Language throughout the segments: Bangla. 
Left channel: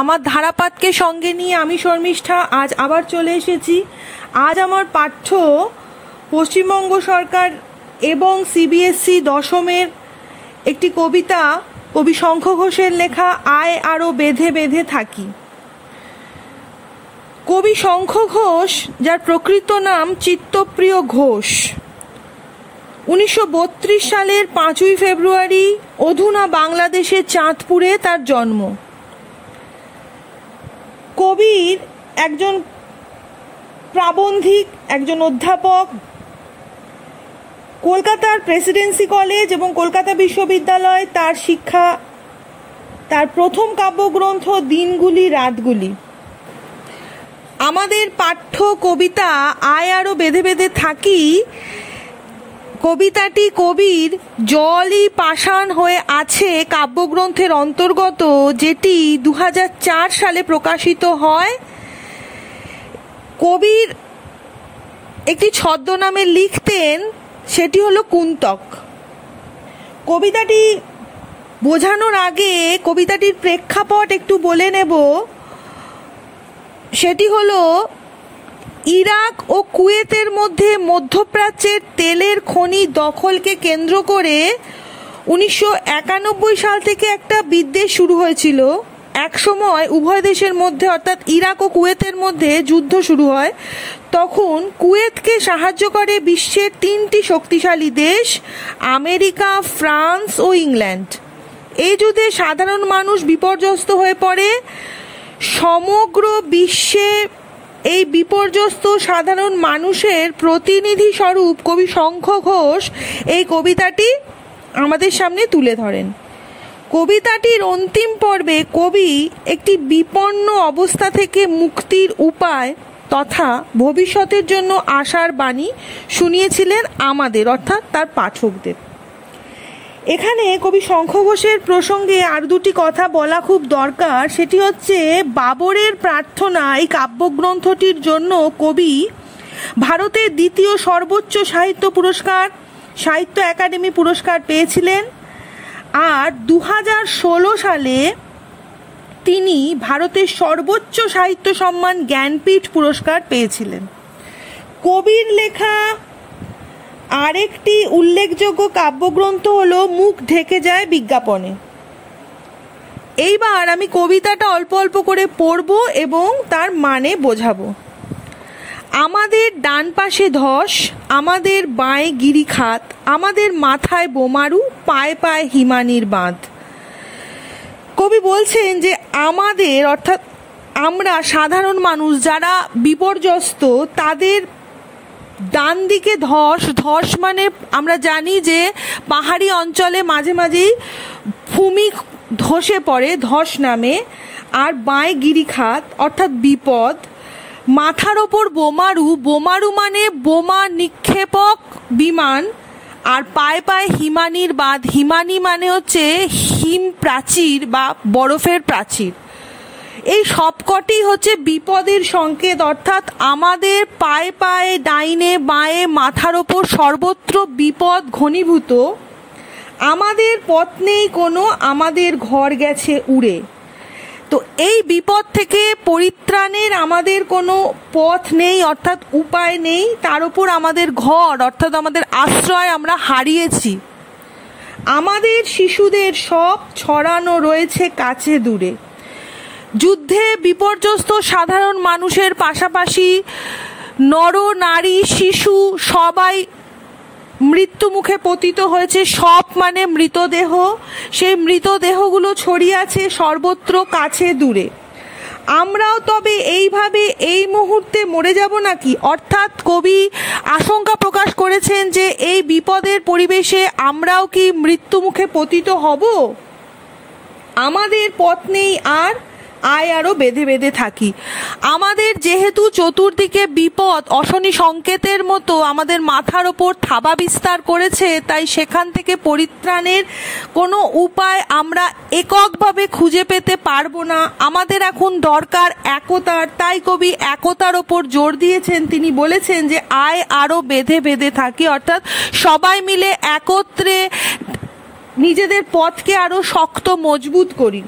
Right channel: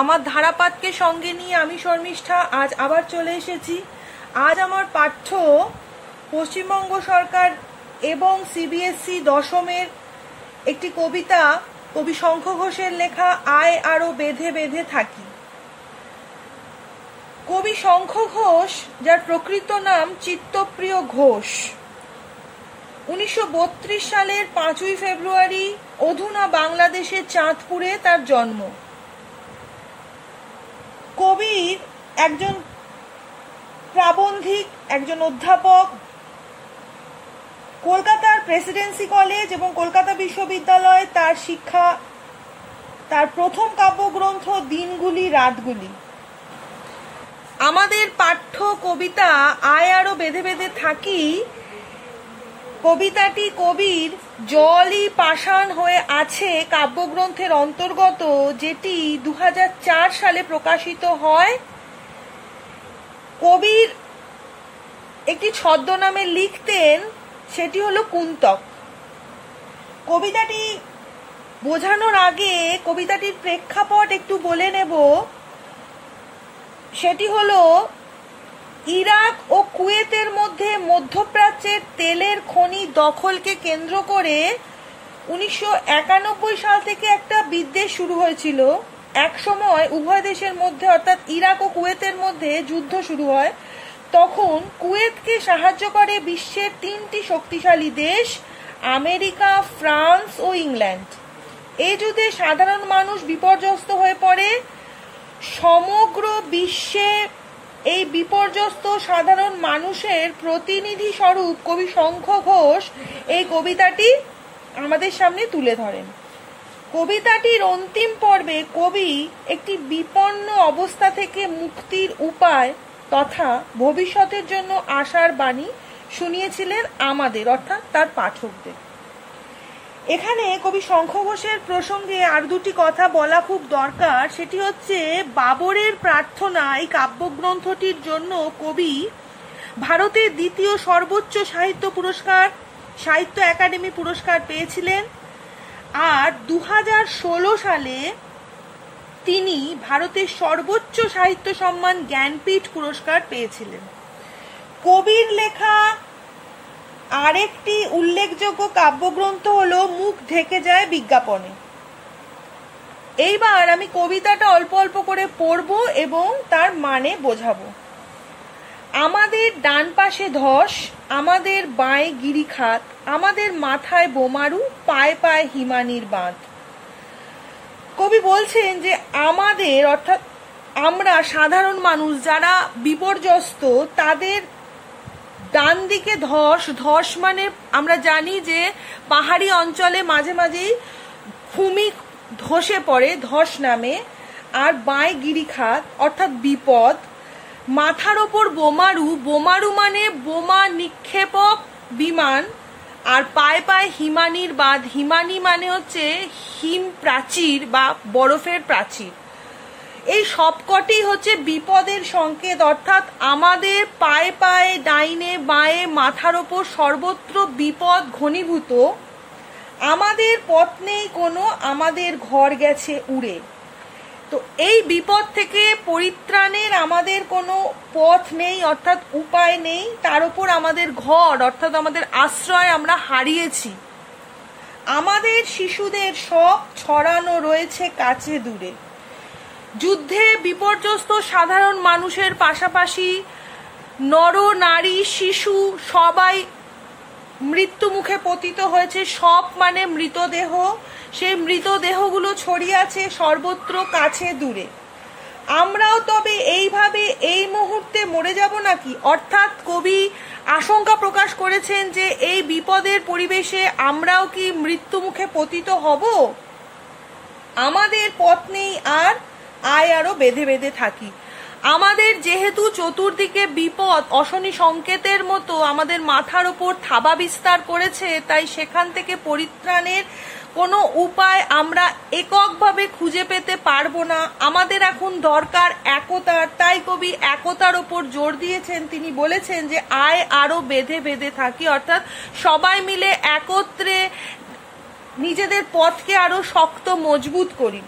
আমার ধারাপাতকে সঙ্গে নিয়ে আমি শর্মিষ্ঠা আজ আবার চলে এসেছি। আজ আমার পাঠ্য পশ্চিমবঙ্গ সরকার এবং সিবিএসই দশমের একটি কবিতা, কবি শঙ্খ ঘোষের লেখা আয় আরো বেঁধে বেঁধে থাকি। কবি শঙ্খ ঘোষ, যার প্রকৃত নাম চিত্তপ্রিয় ঘোষ, 1932 সালের 5ই ফেব্রুয়ারি অধুনা বাংলাদেশের চাঁদপুরে তার জন্ম। কবির একজন প্রাবন্ধিক, একজন অধ্যাপক, কলকাতার প্রেসিডেন্সি কলেজ এবং কলকাতা বিশ্ববিদ্যালয়ে তার শিক্ষা। তার প্রথম কাব্যগ্রন্থ দিনগুলি রাতগুলি। আমাদের পাঠ্য কবিতা আয় আরো বেঁধে বেঁধে থাকি কবিতাটি কবির জলই পাষাণ হয়ে আছে কাব্যগ্রন্থের অন্তর্গত, যেটি 2004 সালে প্রকাশিত হয়। কবির একটি ছদ্মনামে লিখতেন, সেটি হলো কুন্তক। কবিতাটি বোঝানোর আগে কবিতাটির প্রেক্ষাপট একটু বলে নেব। সেটি হলো ইরাক ও কুয়েতের মধ্যে মধ্যপ্রাচ্যের তেলের খনি দখলকে কেন্দ্র করে 1991 সাল থেকে একটা বিদ্বেষ শুরু হয়েছিল। এক সময় উভয় দেশের মধ্যে, অর্থাৎ ইরাক ও কুয়েতের মধ্যে যুদ্ধ শুরু হয়। তখন কুয়েতকে সাহায্য করে বিশ্বের 3টি শক্তিশালী দেশ, আমেরিকা, ফ্রান্স ও ইংল্যান্ড। এই যুদ্ধে সাধারণ মানুষ বিপর্যস্ত হয়ে পড়ে। সমগ্র বিশ্বে এই বিপর্যস্ত সাধারণ মানুষের প্রতিনিধি স্বরূপ কবি শঙ্খ ঘোষ এই কবিতাটি আমাদের সামনে তুলে ধরেন। কবিতাটির অন্তিম পর্বে কবি একটি বিপন্ন অবস্থা থেকে মুক্তির উপায় তথা ভবিষ্যতের জন্য আশার বাণী শুনিয়েছিলেন আমাদের, অর্থাৎ তার পাঠকদের। এখানে কবি শঙ্খ ঘোষের প্রসঙ্গে আর দুটি কথা বলা খুব দরকার। সেটি হচ্ছে বাবরের প্রার্থনা, এই কাব্যগ্রন্থটির জন্য কবি ভারতের দ্বিতীয় সর্বোচ্চ সাহিত্য পুরস্কার, সাহিত্য একাডেমি পুরস্কার পেয়েছিলেন। আর 2016 সালে তিনি ভারতের সর্বোচ্চ সাহিত্য সম্মান জ্ঞানপীঠ পুরস্কার পেয়েছিলেন। কবির লেখা আরেকটি উল্লেখযোগ্য কাব্যগ্রন্থ হলো মুখ ঢেকে যায় বিজ্ঞাপনে। এইবার আমি কবিতাটা অল্প অল্প করে পড়ব এবং তার মানে বোঝাবো। আমাদের ডান পাশে ধস, আমাদের বাঁয়ে গিরিখাত, আমাদের মাথায় বোমারু, পায়ে পায়ে হিমানির বাঁধ। কবি বলছেন যে আমাদের, অর্থাৎ আমরা সাধারণ মানুষ যারা বিপর্যস্ত, তাদের ডান দিকে ধস। ধস মানে আমরা জানি যে পাহাড়ি অঞ্চলে মাঝে মাঝেই ভূমি ধসে পড়ে, ধস নামে। আর বাঁয়ে গিরিখাত অর্থাৎ বিপদ। মাথার ওপর বোমারু, বোমারু মানে বোমা নিক্ষেপক বিমান। আর পায়ে পায়ে হিমানির বাঁধ, হিমানি মানে হচ্ছে হিম প্রাচীর বা বরফের প্রাচীর। এই সবকটি হচ্ছে বিপদের সংকেত, অর্থাৎ আমাদের পায়ে পায়ে, ডাইনে বাঁয়ে, মাথার ওপর সর্বত্র বিপদ ঘনীভূত। আমাদের পথ নেই কোনো, আমাদের ঘর গেছে উড়ে। তো এই বিপদ থেকে পরিত্রাণের আমাদের কোনো পথ নেই, অর্থাৎ উপায় নেই। তার উপর আমাদের ঘর, অর্থাৎ আমাদের আশ্রয় আমরা হারিয়েছি। আমাদের শিশুদের সব ছড়ানো রয়েছে কাছে দূরে। যুদ্ধে বিপর্যস্ত সাধারণ মানুষের পাশাপাশি নর নারী শিশু সবাই মৃত্যু মুখে পতিত হয়েছে। সব মানে মৃতদেহ। সেই মৃতদেহগুলো ছড়িয়ে আছে সর্বত্র কাছে দূরে। আমরাও তবে এইভাবে এই মুহূর্তে মরে যাব নাকি? অর্থাৎ কবি আশঙ্কা প্রকাশ করেছেন যে এই বিপদের পরিবেশে আমরাও কি মৃত্যু মুখে পতিত হব? আমাদের পথ নেই আর, আয় আরো বেঁধে বেঁধে থাকি। আমাদের যেহেতু চতুর্দিকে বিপদ অশনি সংকেতের মতো আমাদের মাথার ওপর থাবা বিস্তার করেছে, তাই সেখান থেকে পরিত্রাণের কোনো উপায় আমরা এককভাবে খুঁজে পেতে পারবো না। আমাদের এখন দরকার একতার। তাই কবি একতার ওপর জোর দিয়েছেন। তিনি বলেছেন যে আয় আরো বেঁধে বেঁধে থাকি, অর্থাৎ সবাই মিলে একত্রে নিজেদের পথকে আরো শক্ত মজবুত করি।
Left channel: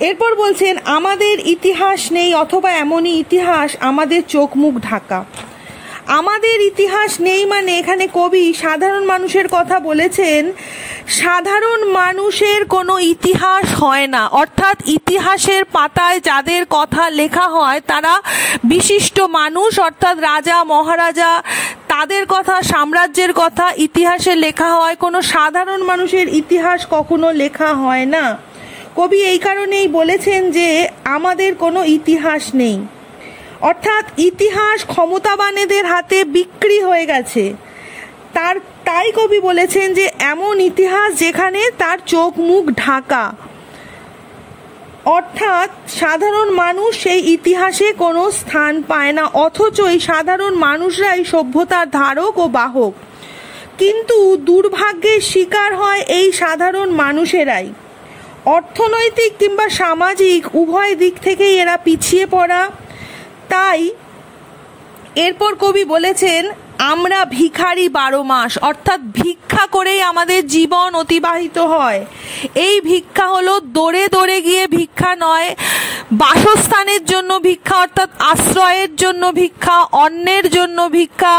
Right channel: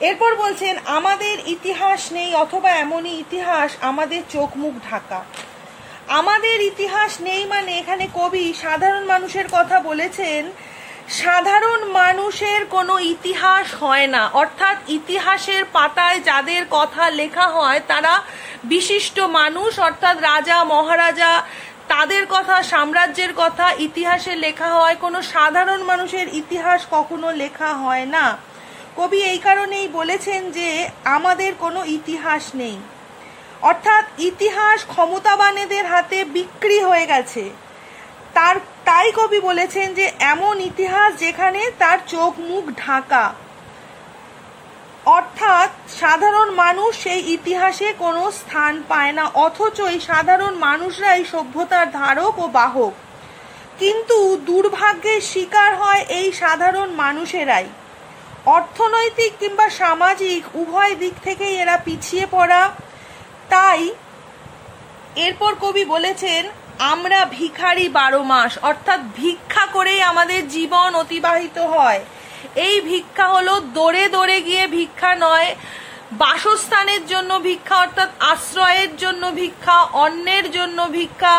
এরপর বলছেন আমাদের ইতিহাস নেই অথবা এমনই ইতিহাস আমাদের চোখ মুখ ঢাকা। আমাদের ইতিহাস নেই মানে এখানে কবি সাধারণ মানুষের কথা বলেছেন। সাধারণ মানুষের কোনো ইতিহাস হয় না, অর্থাৎ ইতিহাসের পাতায় যাদের কথা লেখা হয় তারা বিশিষ্ট মানুষ, অর্থাৎ রাজা মহারাজা, তাদের কথা, সাম্রাজ্যের কথা ইতিহাসে লেখা হয়। কোনো সাধারণ মানুষের ইতিহাস কখনো লেখা হয় না। কবি এই কারণেই বলেছেন যে আমাদের কোনো ইতিহাস নেই, অর্থাৎ ইতিহাস ক্ষমতাবানেদের হাতে বিক্রি হয়ে গেছে। তাই কবি বলেছেন যে এমন ইতিহাস যেখানে তার চোখ মুখ ঢাকা, অর্থাৎ সাধারণ মানুষ সেই ইতিহাসে কোনো স্থান পায় না, অথচ এই সাধারণ মানুষরাই সভ্যতার ধারক ও বাহক। কিন্তু দুর্ভাগ্যের শিকার হয় এই সাধারণ মানুষেরাই। অর্থনৈতিক কিংবা সামাজিক উভয় দিক থেকেই এরা পিছিয়ে পড়া। তাই এরপর কবি বলেছেন আমরা ভিখারি 12 মাস, অর্থাৎ ভিক্ষা করেই আমাদের জীবন অতিবাহিত হয়। এই ভিক্ষা হলো দৌড়ে দৌড়ে গিয়ে ভিক্ষা নয়, বাসস্থানের জন্য ভিক্ষা, অর্থাৎ আশ্রয়ের জন্য ভিক্ষা, অন্নের জন্য ভিক্ষা,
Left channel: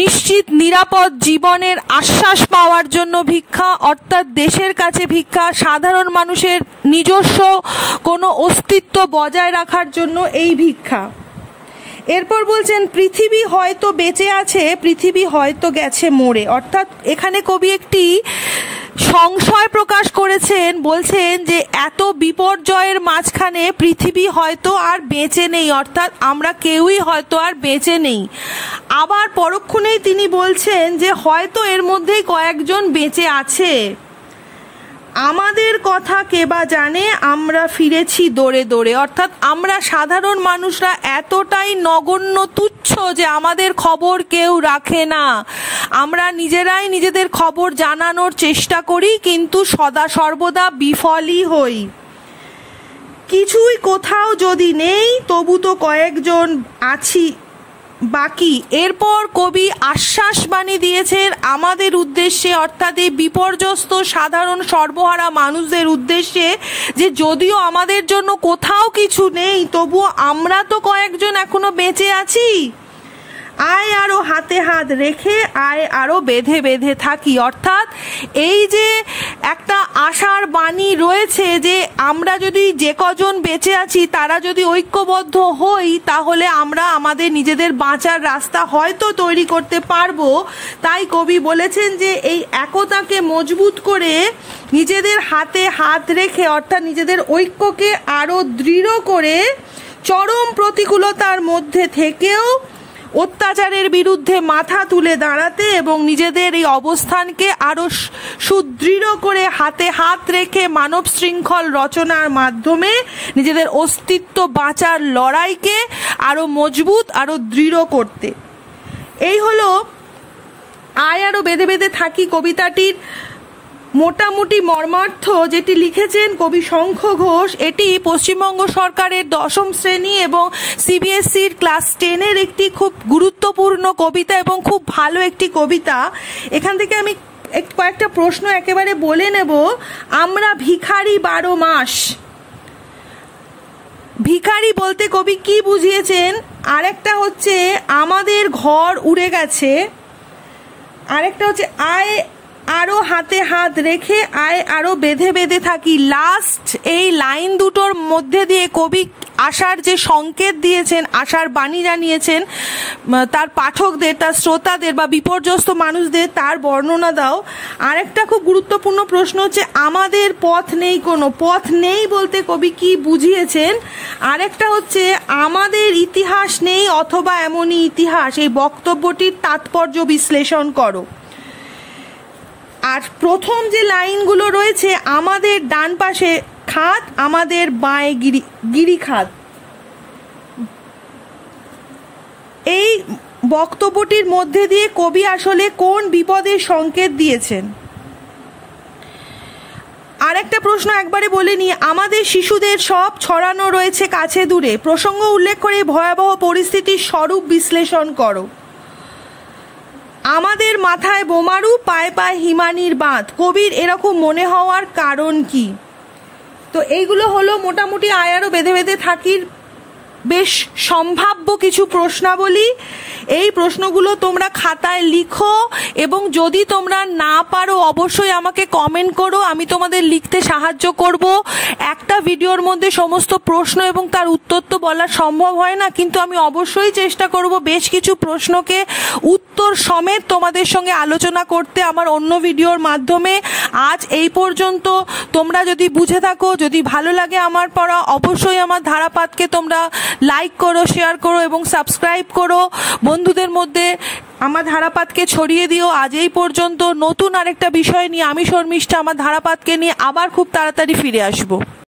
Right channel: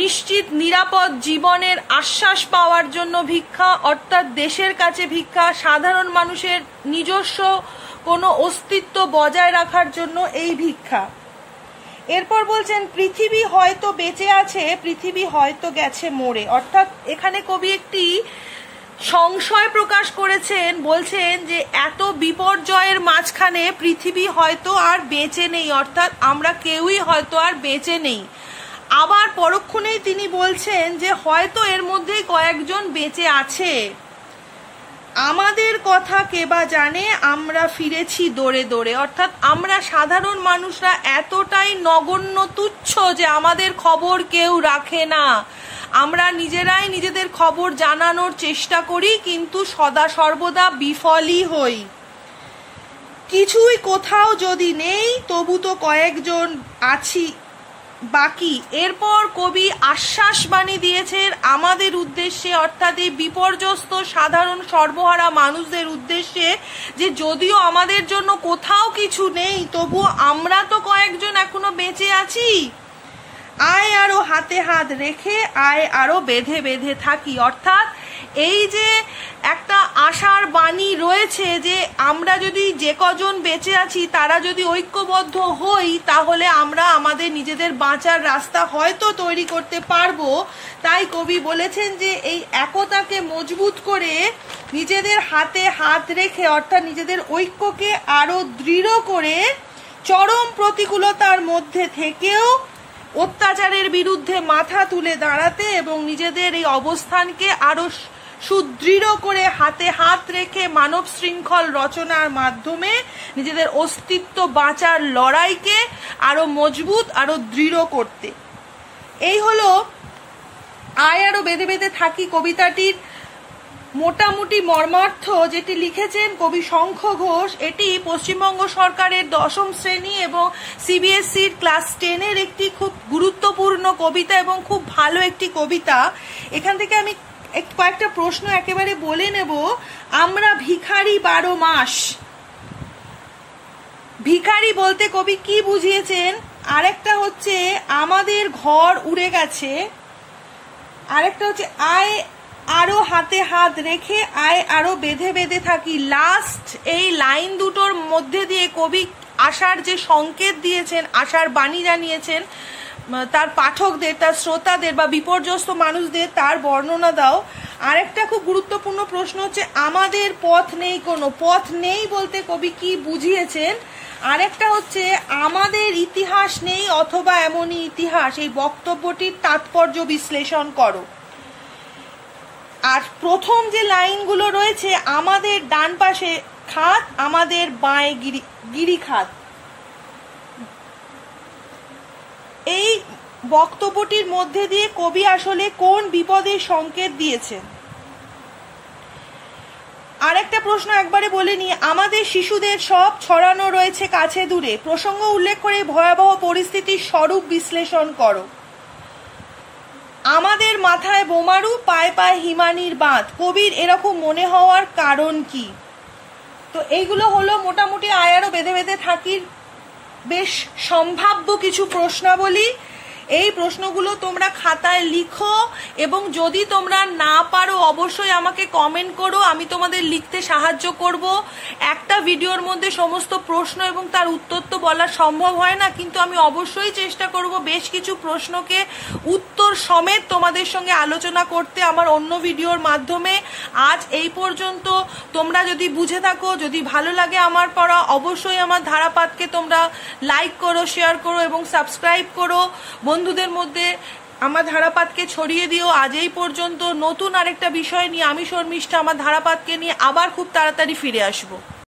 নিশ্চিত নিরাপদ জীবনের আশ্বাস পাওয়ার জন্য ভিক্ষা, অর্থাৎ দেশের কাছে ভিক্ষা, সাধারণ মানুষের নিজস্ব কোনো অস্তিত্ব বজায় রাখার জন্য এই ভিক্ষা। এরপর বলছেন পৃথিবী হয়তো বেঁচে আছে, পৃথিবী হয়তো গেছে মরে, অর্থাৎ এখানে কবি একটি সংশয় প্রকাশ করেছেন। বলছেন যে এত বিপর্যয়ের মাঝখানে পৃথিবী হয়তো আর বেঁচে নেই, অর্থাৎ আমরা কেউই হয়তো আর বেঁচে নেই। আবার পরক্ষণেই তিনি বলছেন যে হয়তো এর মধ্যেই কয়েকজন বেঁচে আছে। আমাদের কথা কে বা জানে, আমরা ফিরেছি দৌড়ে দৌড়ে, অর্থাৎ আমরা সাধারণ মানুষরা এতটাই নগণ্য তুচ্ছ যে আমাদের খবর কেউ রাখে না। আমরা নিজেরাই নিজেদের খবর জানানোর চেষ্টা করি, কিন্তু সদা সর্বদা বিফলই হই। কিছুই কোথাও যদি নেই তবু তো কয়েকজন আছি বাকি। এরপর কবি আশ্বাস বাণী দিয়েছেন আমাদের উদ্দেশ্যে, অর্থাৎ এই বিপর্যস্ত সাধারণ সর্বহারা মানুষদের উদ্দেশ্যে, যে যদিও আমাদের জন্য কোথাও কিছু নেই তবু আমরা তো কয়েকজন এখনো বেঁচে আছি। আয় আরো হাতে হাত রেখে আয় আরো বেঁধে বেঁধে থাকি, অর্থাৎ এই যে একটা আশার বাণী রয়েছে যে আমরা যদি যে কজন বেঁচে আছি তারা যদি ঐক্যবদ্ধ হই তাহলে আমরা আমাদের নিজেদের বাঁচার রাস্তা হয়তো তৈরি করতে পারবো। তাই কবি বলেছেন যে এই একতাকে মজবুত করে নিজেদের হাতে হাত রেখে, অর্থাৎ নিজেদের ঐক্যকে আরো দৃঢ় করে চরম প্রতিকূলতার মধ্যে থেকেও অত্যাচারের বিরুদ্ধে মাথা তুলে দাঁড়াতে এবং নিজেদের এই অবস্থানকে আরো সুদৃঢ় করে হাতে হাত রেখে মানব শৃঙ্খল রচনার মাধ্যমে নিজেদের অস্তিত্ব বাঁচার লড়াইকে আরো মজবুত, আরো দৃঢ় করতে। এই হলো আয় আরো বেঁধে বেঁধে থাকি কবিতাটির মোটামুটি মর্মার্থ, যেটি লিখেছেন কবি শঙ্খ ঘোষ। এটি পশ্চিমবঙ্গ সরকারের 10ম শ্রেণী এবং সিবিএসসির ক্লাস 10-এর একটি খুব গুরুত্বপূর্ণ কবিতা এবং খুব ভালো একটি কবিতা। এখান থেকে আমি কয়েকটা প্রশ্ন একেবারে বলে নেব। আমরা ভিখারি 12 মাস, ভিখারি বলতে কবি কি বুঝিয়েছেন? আরেকটা হচ্ছে আমাদের ঘর উড়ে গেছে, আরেকটা হচ্ছে আয় আরো হাতে হাত রেখে আয় আরো বেঁধে বেঁধে থাকি। লাস্ট এই লাইন দুটোর মধ্যে দিয়ে কবি আশার যে সংকেত দিয়েছেন, আশার বাণী জানিয়েছেন তার পাঠকদের, তার শ্রোতাদের বা বিপর্যস্ত মানুষদের, তার বর্ণনা দাও। আরেকটা খুব গুরুত্বপূর্ণ প্রশ্ন হচ্ছে আমাদের পথ নেই, কোনো পথ নেই বলতে কবি কি বুঝিয়েছেন? আরেকটা হচ্ছে আমাদের ইতিহাস নেই অথবা এমনই ইতিহাস, এই বক্তব্যটির তাৎপর্য বিশ্লেষণ করো। আর প্রথম যে লাইনগুলো রয়েছে, আমাদের ডান পাশে খাত, আমাদের বাঁয়ে গিরিখাত, এই বক্তব্যটির মধ্যে দিয়ে কবি আসলে কোন বিপদের সংকেত দিয়েছেন? আরেকটা প্রশ্ন একবারে বলে নি, আমাদের শিশুদের সব ছড়ানো রয়েছে কাছে দূরে, প্রসঙ্গ উল্লেখ করে ভয়াবহ পরিস্থিতির স্বরূপ বিশ্লেষণ করো। আমাদের মাথায় বোমারু, পায়ে পায়ে হিমানির বাঁধ, কবির এরকম মনে হওয়ার কারণ কি? তো এইগুলো হলো মোটামুটি আয়ারও বেঁধে বেঁধে থাকির বেশ সম্ভাব্য কিছু প্রশ্নাবলী। এই প্রশ্নগুলো তোমরা খাতায় লিখো এবং যদি তোমরা না পারো অবশ্যই আমাকে কমেন্ট করো, আমি তোমাদের লিখতে সাহায্য করব। একটা ভিডিওর মধ্যে সমস্ত প্রশ্ন এবং তার উত্তর তো বলা সম্ভব হয় না, কিন্তু আমি অবশ্যই চেষ্টা করব বেশ কিছু প্রশ্নকে উত্তর সমেত তোমাদের সঙ্গে আলোচনা করতে আমার অন্য ভিডিওর মাধ্যমে। আজ এই পর্যন্ত। তোমরা যদি বুঝে থাকো, যদি ভালো লাগে আমার পড়া, অবশ্যই আমার ধারাপাতকে তোমরা লাইক করো, শেয়ার করো এবং সাবস্ক্রাইব করো। বন্ধুদের মধ্যে আমার ধারাপাতকে ছড়িয়ে দিও। আজ এই পর্যন্ত। নতুন আরেকটা বিষয় নিয়ে আমি শর্মিষ্ঠা আমার ধারাপাতকে নিয়ে আবার খুব তাড়াতাড়ি ফিরে আসবো।